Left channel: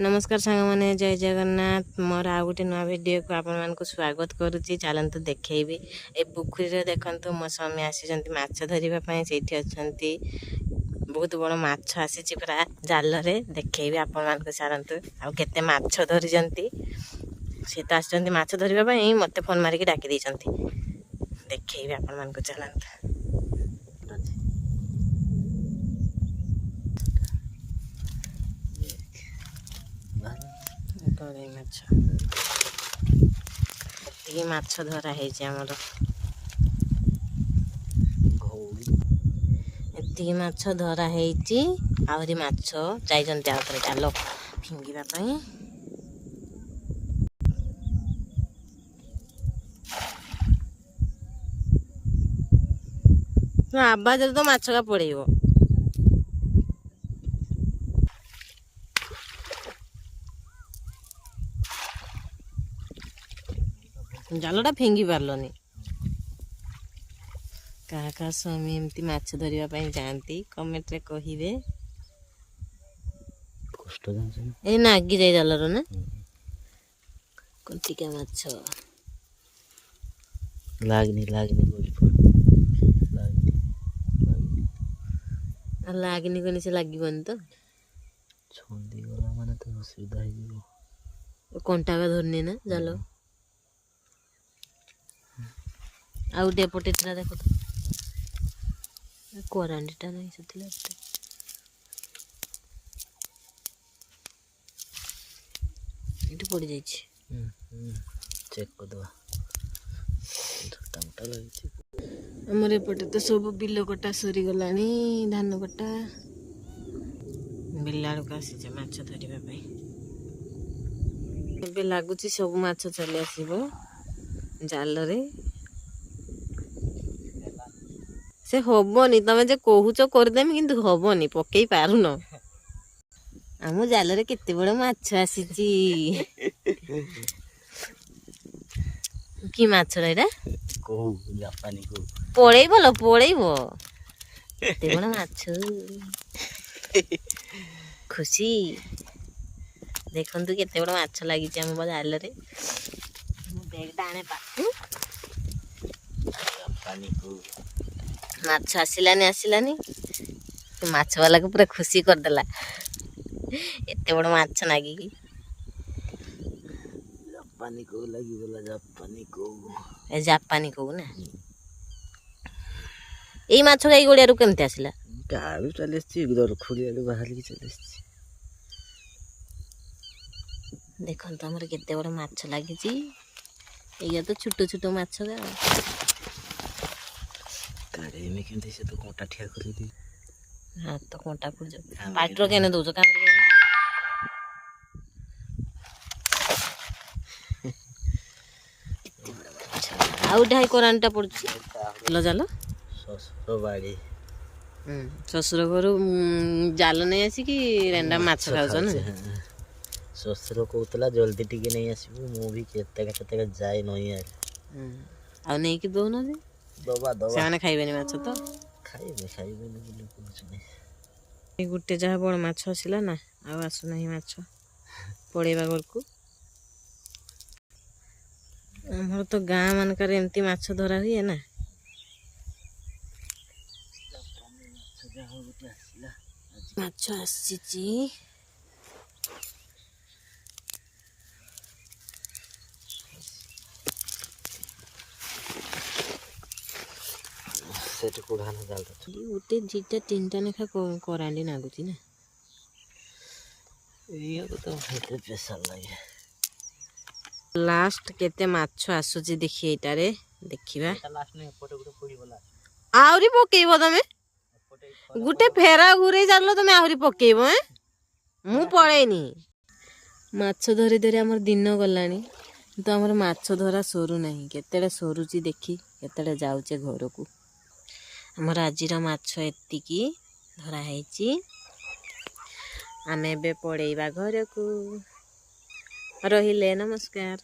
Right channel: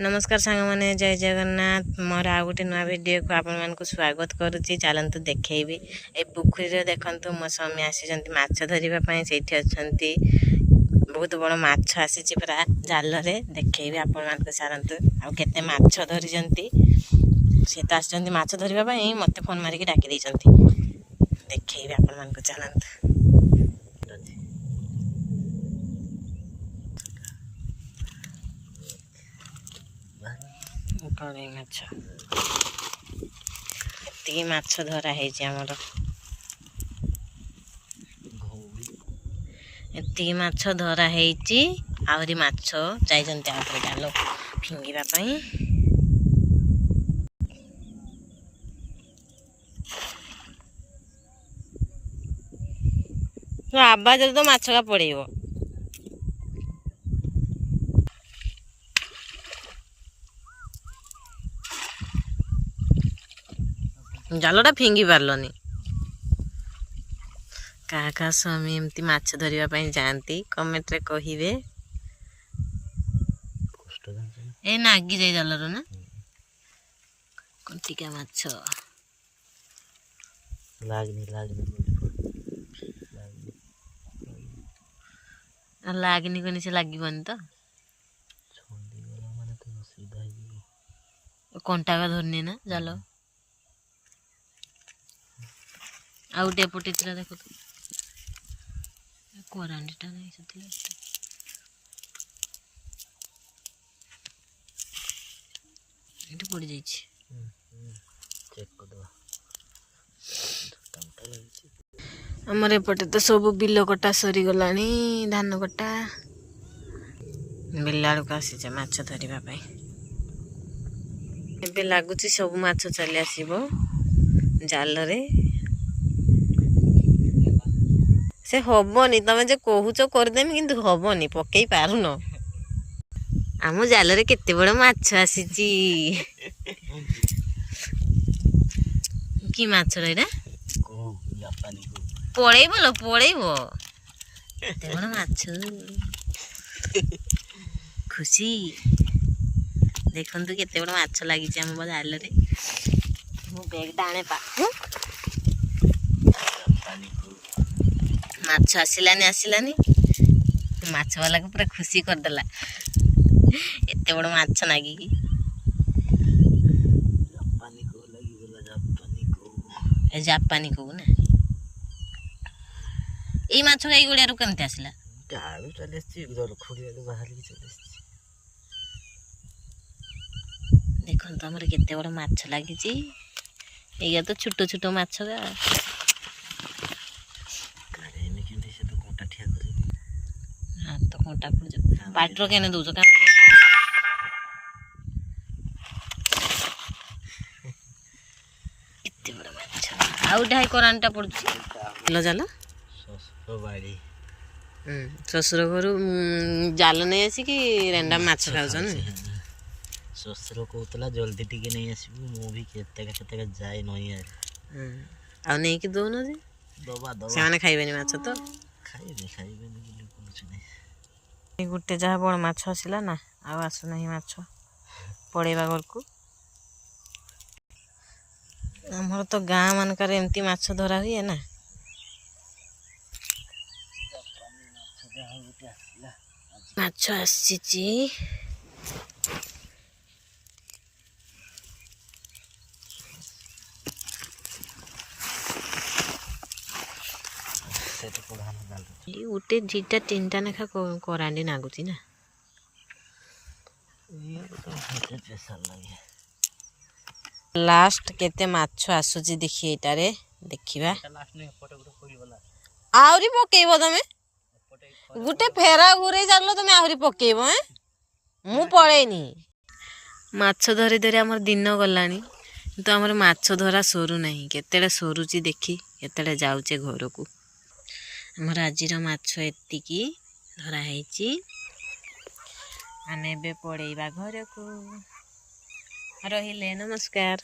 नमस्कार सांग मैंने जय जगन्नाथ मोर आ गोटे नुआ वीडियो को आपण मान को स्वागत करुच्ची। चलतु देखी ए पुखरी देखु मो स्वामी आसी माछ धरने से बहुत बड़ माछ आसी पूरा जाल देखी आपण मान सारतु आते माछ धरी सी तो आस माछ धरने मत फोन मारिक डाकी देखी आपण मान चलतु। कड़े माछ एति माछ धरा आमर एति माछ धरा आहरी माछ जाइछन्ति आउथरे जाल फिंगिबा पई। तो आवाज तो माछ का पड़ेइबो। जालटा फिंगी पारलनी क्या स्वामी एमती माछ धरने जाती कमेंट रे कहिबे। ए नागी जाए जालर ना कंटिका माछ लागनी लागनी कनी से लागबनी तो कंटा का धरनी ना जाल आउ डेपटे देख तो कोरांडीटा नहीं से पड़ जाइए चेक कर दवा आमर एपटे तो सब बिल कटा सरी गलानी धान कटा बिल आड़ को आसी माछ धरने एबे लगुच सब माछ चली आसब जाल रे से हबनी तमें जे कहूच करदेमी किंतु हबनी पकई पारुन आम जाल रे केते बड़ माछ आसी कि माछ एटा पड़ेब लो पड़ेब केते बड़ माछ खुशी देखु केते बड़ माछ लगी आम जाल रे मो बैग आने पाखु माछ आसलानी माछ वाला को पूरा खुशी करदेला एत बड़ माछ नागी जापानी को ना ये माछ गाई गोड़िया केमती आसला देखो तो आमर केते बड़ माछ लगी ये तो छोट छोट माछ गा हाँ तो कंटा पड़ पाइटर केने दौच आउटाई करानटा पड़ा जाल शशुर घर जाल नहीं आसिक रेंडा माछ खाऊन शशुर कहला जल्दी टी नहीं आसबू मु भी केते जाए नई आ नहीं कि दौन जे से खाइबे माछ तो गोटे जहाँ बड़ माछ आसला ना आसुना माछ पड़ेबा घर को आमर तो गाँ मानकर एमती माछ धरा हुए ना माछ आसी गोटे दुईटा तीन टा नेखा करांडी नागुची ना लास्ट केते माछ आसुची देखी एटारे देखिबा आहरी पकेइबो तमे गुटे फेरा घुरे जालो तमे आहरी पकेइबो मु पळेनी माछ धरी धरी हमर दिन गलानी तो हमर माछ धरा सरू नहीं केतेडे सरुची देखी केतेडे जाउचे घर को हमर आजिर माछ एतिकी धरा हैची आमे बे पड़ेइबा घर को रहिले नमस्कार।